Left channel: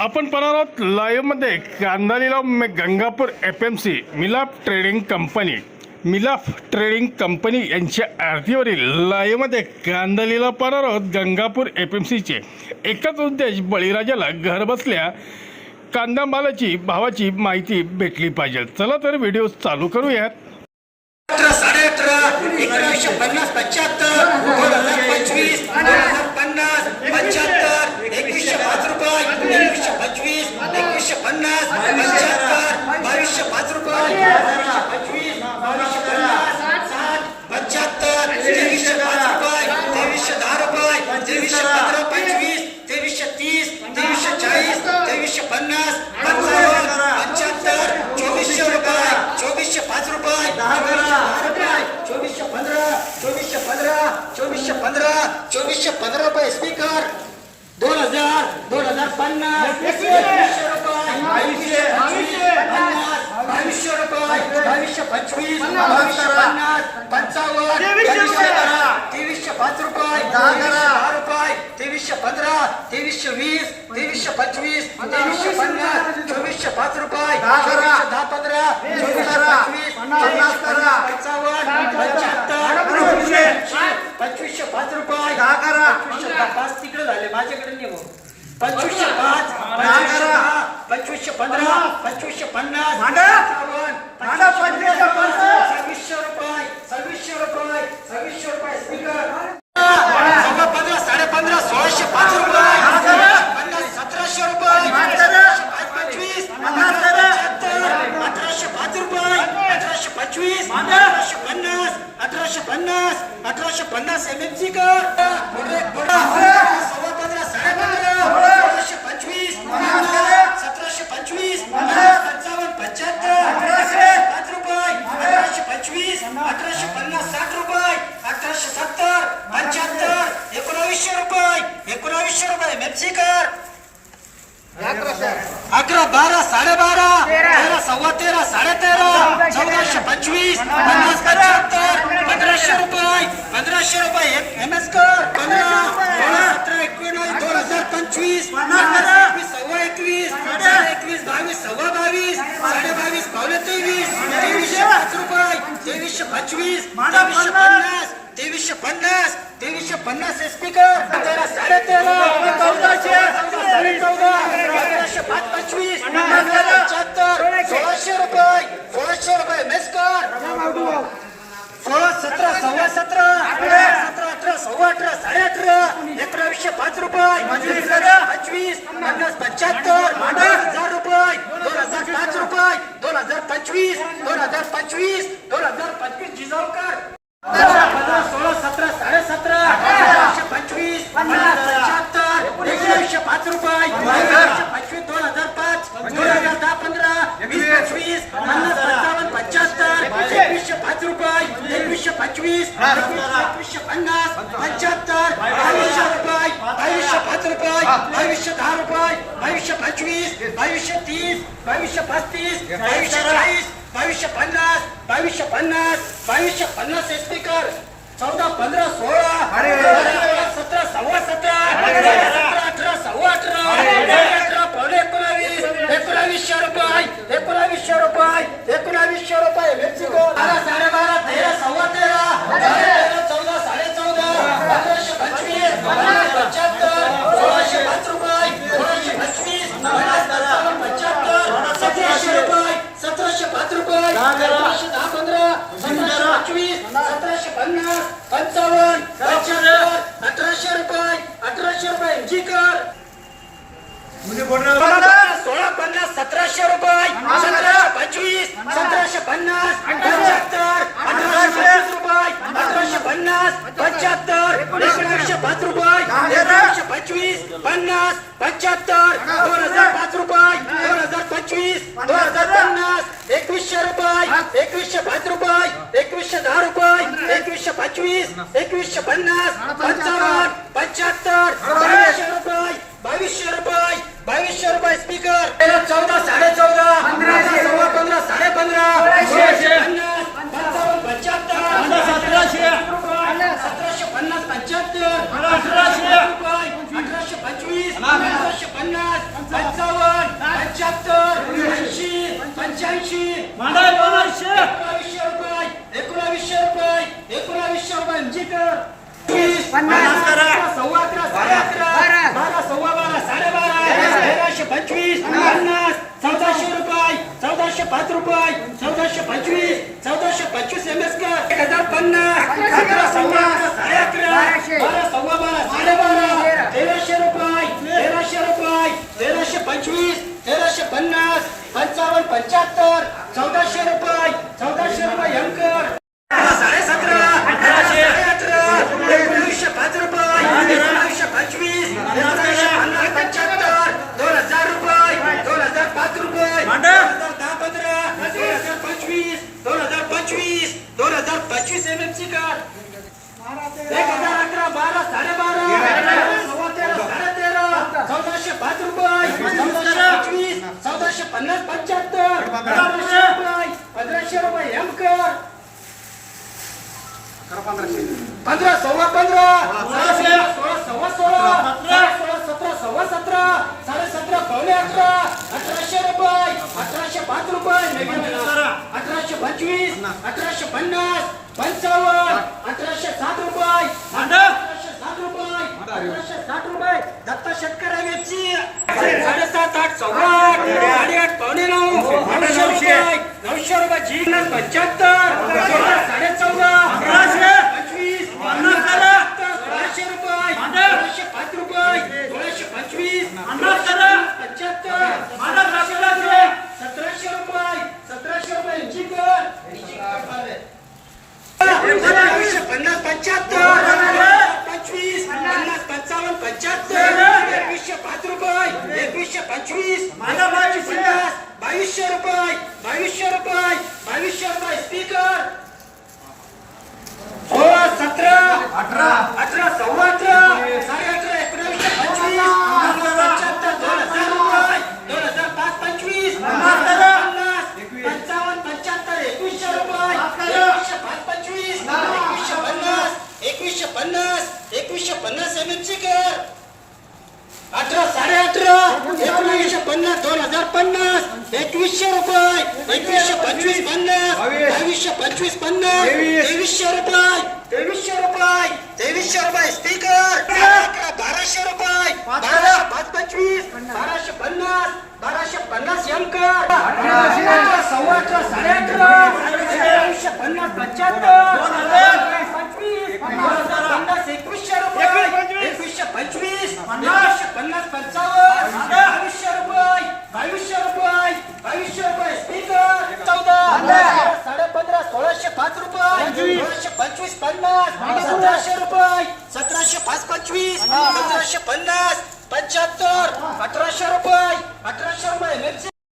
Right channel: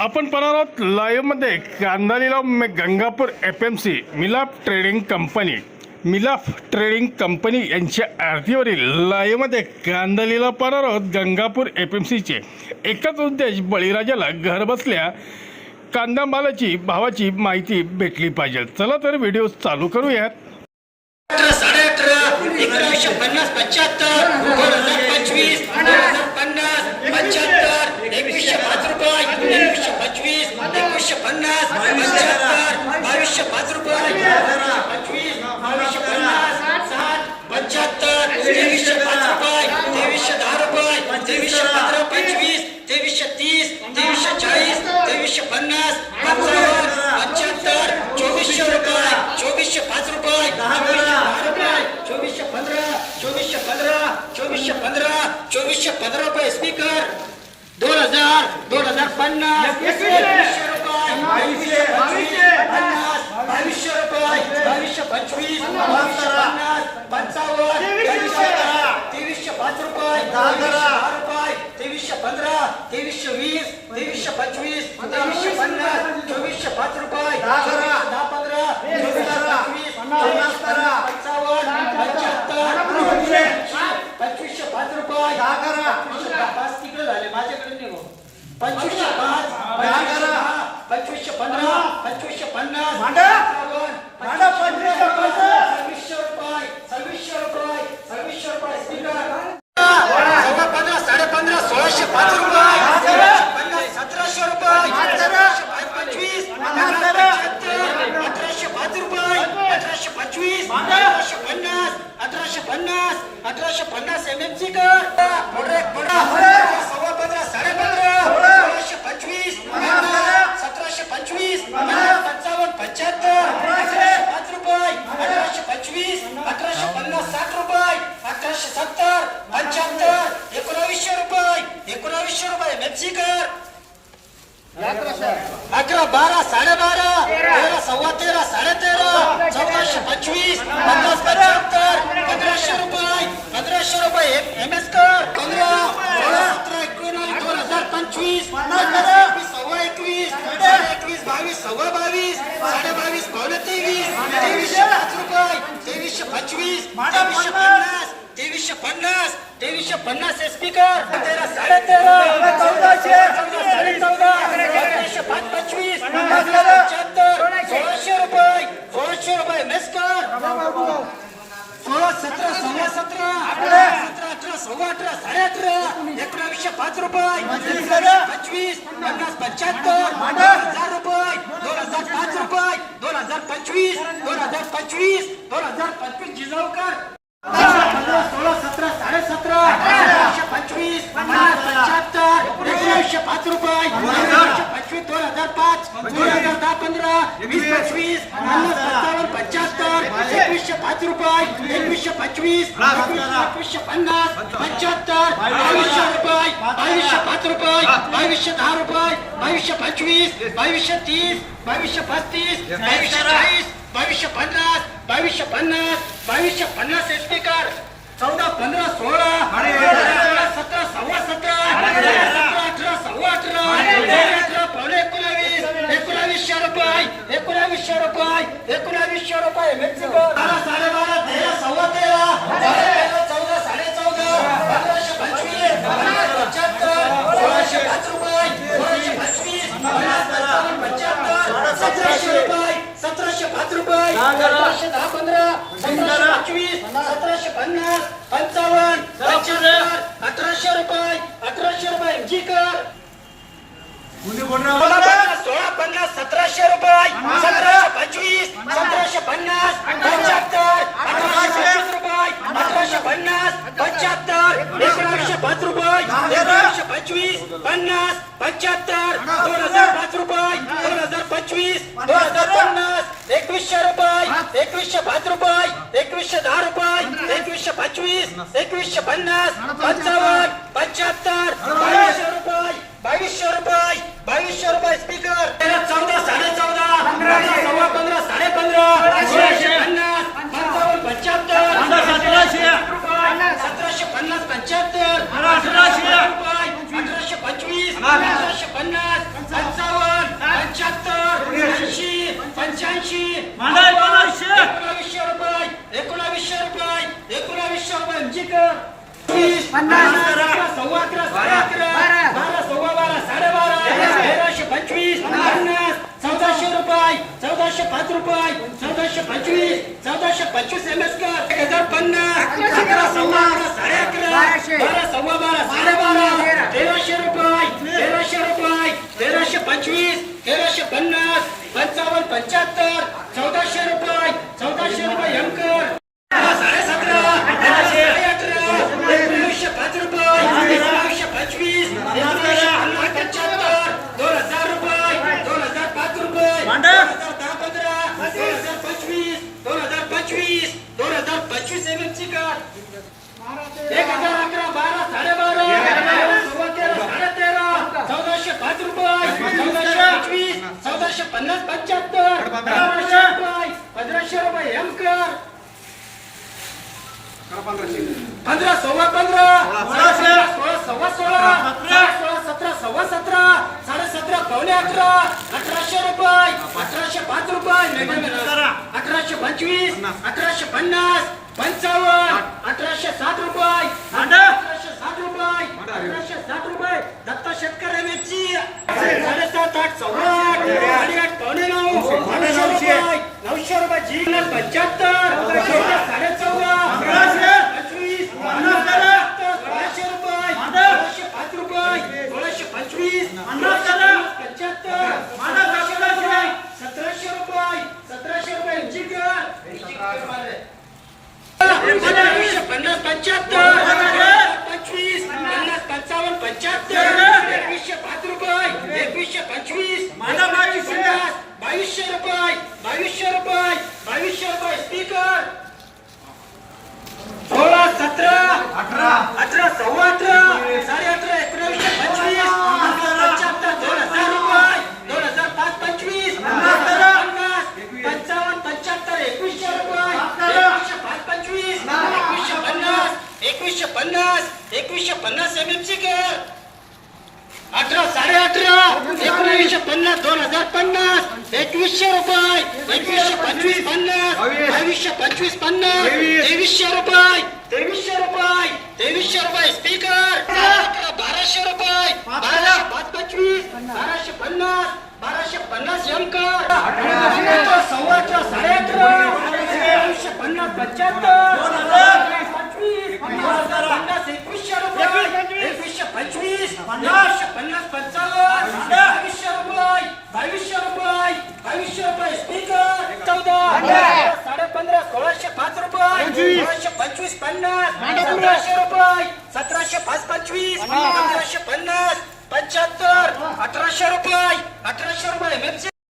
आपण पाहणार आहोत लाईव्हमध्ये कांदा लिलाव Gangapur F M C Milap trading company. Milaf trading company यांच्या आरतीवरील लाईव्हमध्ये कांदा लिलाव पाहणार आहोत गंगापूर एफ एम सीचे एकच उद्देश बळीराजाला घरबसल्या कांदा मालाची भावाची माहिती भेटली पाहिजे. चला तर व्हिडिओ चालू करूयात. अठरा साडे अठरा एकोणीसशे पन्नास पंच्याहत्तर दोन हजार पंचवीस दोन हजार पन्नास पंच्याहत्तर एकवीसशे पाच रुपये एकवीसशे पन्नास पंच्याहत्तर बावीसशे पाच रुपये पंचवीस बावीसशे पन्नास साठ पंच्याहत्तर तेवीसशे पाच रुपये तेवीसशे दहा रुपये तेवीसशे पंधरा पंचवीस तेवीसशे तीस तेवीसशे चाळीस तेवीसशे पन्नास पंचावन्न पंच्याहत्तर चोवीसशे रुपये चोवीसशे पाच रुपये रुपये चोवीसशे पंधरा चोवीसशे पंधरा चोवीसशे पंधरा चोवीसशे पंधरा रुपये स्पीकर दोन हजार दोन हजार पन्नास. एकवीसशे रुपये. बावीसशे पंचवीस पन्नास. बावीसशे रुपये. बावीसशे पंचवीस बावीसशे पन्नास. पंचावन्न बावीसशे दहा तेवीसशे पाच रुपये तेवीसशे दहा रुपये तेवीसशे पंधरा तेवीसशे वीस तेवीसशे पंचवीस तेवीसशे पन्नास चोवीसशे पाच रुपये चोवीसशे दहा पंधरा चोवीसशे पंचवीस चोवीसशे पन्नास पंचावन्न पंच्याहत्तर पंचवीसशे पाच रुपये. पंचवीसशे दहा. पाच तिकडे झाले. माझ्याकडे. पंचवीसशे पाच पंचवीसशे पंधरा पंचवीसशे पन्नास पंचावन्न पंचवीसशे पन्नास सव्वीसशे रुपये सव्वीसशे रुपये सव्वीसशे रुपये स्पीकर. सव्वा पंधरा साडे पंधरा सोळाशे पाच रुपये. सतराशे रुपये. पंचवीस. अठराशे पाच रुपये. अठराशे पंचवीस. अठराशे पन्नास. अठराशे पन्नास. अठराशे पन्नास एम एम सी कर. सव्वा पंधरा साडे पंधरा. पंचवीस सतराशे पंचवीस पंचावन्न पंच्याहत्तर अठराशे पाच रुपये अठराशे पंचवीस अठराशे पन्नास साठ रुपये अठराशे सत्तर पंच्याहत्तर एकोणावीसशे रुपये एकोणावीसशे रुपये मेप्सी अकरा बारा साडेबारा तेरा सव्वा तेरा साडे तेरा चौदाशे पंचवीस पन्नास पंच्याहत्तर पंधराशे रुपये पंधराशे रुपये एम एस कर पंधरा सोळा सतरा एकोणीस दोन हजार पंचवीस सव्वा एकवीस एकवीस बावीस सव्वा बावीस साडे बावीस पावणे तेवीस तेवीसशे पाच रुपये तेवीसशे पंचवीस तेवीसशे पन्नास. तेवीसशे पन्नास तेवीसशे पन्नास स्पीकर तेरा साडे तेरा चौदाशे चौदा पंधराशे पाच पंचवीस पंच्याहत्तर सोळाशे. रुपये सोळाशे रुपये मेसकर सोळा सतरा सव्वा सतरा. सव्वा अठरा साडे अठरा एकोणावीसशे पाच रुपये पंचवीस पन्नास पंच्याहत्तर हजार रुपये दोन हजार पाच रुपये दोन हजार पंचवीस दोन हजार पंचवीस दोन हजार पंचवीस जिजाऊकर. पंधरा सोळा सतरा साडे सतरा पंचवीस पन्नास पंच्याहत्तर एकोणीसशे पाच रुपये एकोणीसशे पंचवीस दोन हजार पाच दोन हजार दहा पंधरा वीस पंचवीस पन्नास पंचावन्न पंच्याहत्तर एकवीसशे पाच रुपये. एकवीसशे पंचवीस एकवीसशे पन्नास पंच्याहत्तर बावीसशे रुपये बावीसशे पाच रुपये बावीसशे दहा रुपये बावीसशे पंचवीस बावीसशे तीस बावीसशे पस्तीस बावीसशे चाळीस बावीसशे पन्नास बावीसशे पन्नास बावीसशे पन्नास स्पीकर चौदा पंधरा सोळा सतरा सव्वा सतरा सतरा अठरा सव्वा अठरा अठरा पावणे एकोणावीस एकोणावीसशे रुपये एकोणावीसशे रुपये एकोणावीसशे रुपये मेक्सिको. बारा साडे बारा तेरा सव्वा तेरा चौदा साडे चौदा पंधराशे पंचवीस पन्नास पंच्याहत्तर सोळाशे पाच रुपये सोळाशे पंचवीस पन्नास पंचावन्न पंच्याहत्तर सतराशे रुपये सतराशे पाच रुपये सतराशे दहा पंधरा सतराशे पंचवीस सतराशे पन्नास पंचावन्न अठराशे रुपये अठराशे रुपये जी कर. सोळा पन्नास सतराशे रुपये. सतराशे पंचवीस सतराशे पन्नास पंच्याहत्तर अठराशे पंचवीस रुपये. अठराशे पन्नास पंच्याहत्तर एकोणीसशे पाच रुपये एकोणीसशे पंचवीस पन्नास पंच्याहत्तर दोन हजार पाच रुपये दोन हजार पंचवीस दोन हजार पन्नास एकवीसशे रुपये एकवीसशे पाच रुपये एकवीसशे दहा रुपये एकवीसशे पंचवीस एकवीसशे पन्नास. पंचावन्न पंच्याहत्तर. बावीसशे रुपये बावीसशे रुपये बावीसशे रुपये स्पीकर चौदा साडे चौदा. सव्वा पंधरा साडे पंधरा. सोळाशे. पन्नास पंचावन्न पंच्याहत्तर. सतराशे. सतराशे पन्नास पंच्याहत्तर. अठराशे पंचवीस अठराशे पन्नास पंचावन्न पंच्याऐंशी. एकोणावीसशे. एकोणावीसशे रुपये एकोणावीसशे रुपये एकोणावीसशे रुपये अंजीकर पन्नास. करा. अकरा, सव्वा अकरा साडे अकरा बारा सव्वा बारा साडेबारा तेराशे पंचवीस पन्नास चौदाशे रुपये चौदाशे पाच रुपये चौदाशे पंचवीस चौदाशे पंचवीस एम एस कर एक हजार पन्नास. अकरा सव्वा अकरा साडे अकरा. बारा सव्वा बारा साडेबारा तेराशे रुपये तेराशे रुपये तेराशे पंचवीस तेराशे पन्नास पंचावन्न पंच्याहत्तर चौदाशे रुपये. हजार पंचवीस एम एम सी कार्ड एक हजार अकरा बारा साडेबारा बारा, सव्वा तेरा साडे तेरा चौदाशे पाच रुपये चौदाशे पंचवीस चौदाशे पन्नास पंच्याहत्तर पंधराशे रुपये पंधराशे रुपये एम कर पंधरा सव्वा पंधरा. सोळाशे. सोळा सव्वा सोळा. सोळा सतरा. सव्वा सतरा साडे सतरा पावणे अठरा अठराशे रुपये अठराशे पाच रुपये. करा. अठराशे पंचवीस अठराशे पन्नास पंचावन्न अठराशे साठ रुपये. अठराशे साठ रुपये. अठराशे साठ रुपये. दत्ता शेतकऱ्यांची साडेसात आठ आठ साडेआठ पावणे नऊ नऊशे रुपये. नऊशे रुपये जी पंच्याहत्तर. साडे चौदा अकराशे. पंचवीस. सोळाशे रुपये. सोळाशे पाच रुपये. सोळाशे पंचवीस. पंच्याहत्तर मांडा, सतराशे सतराशे. रुपये सतराशे रुपये सतराशे रुपये इंची कर एकोणावीसशे पन्नास पंच्याहत्तर पंचवीस पन्नास पंचावन्न पंच्याहत्तर एकवीसशे पाच रुपये एकवीसशे पंचवीस मांडा, पन्नास बावीसशे रुपये बावीसशे रुपये बावीसशे रुपये स्पीकर सोळा सतरा अठरा अठरा सव्वा अठरा साडे अठरा एकोणीसशे पंचवीस पंच्याहत्तर दोन हजार रुपये दोन हजार पाच पंचवीस पन्नास पंचावन्न पंच्याहत्तर एकवीसशे रुपये एकवीसशे पाच पंचवीस एकवीसशे पन्नास एकवीसशे पन्नास एकवीसशे पन्नास एम सी कर अठरा साडे अठरा एकोणीसशे पन्नास दोन हजार पन्नास. एकवीसशे रुपये. एकवीसशे पंचवीस पन्नास. बावीसशे पंचवीस पन्नास. तेवीसशे रुपये. तेवीसशे रुपये. तेवीसशे रुपये स्पीकर बाराशे रुपये. बारा. पाच पंचवीस. बाराशे पन्नास. बाराशे पन्नास एम कर सव्वा अठरा साडे अठरा पन्नास पंच्याहत्तर. पंचवीस पन्नास एकवीसशे रुपये एकवीसशे पंचवीस एकवीसशे पन्नास पंचावन्न बावीसशे रुपये बावीसशे रुपये बावीसशे रुपये स्पीकर चौदा साडे पंधरा सोळाशे पाच रुपये सोळाशे पंचवीस पन्नास सतराशे रुपये सतराशे पाच पंचवीस सतराशे पन्नास पंच्याहत्तर अठराशे रुपये अठराशे रुपये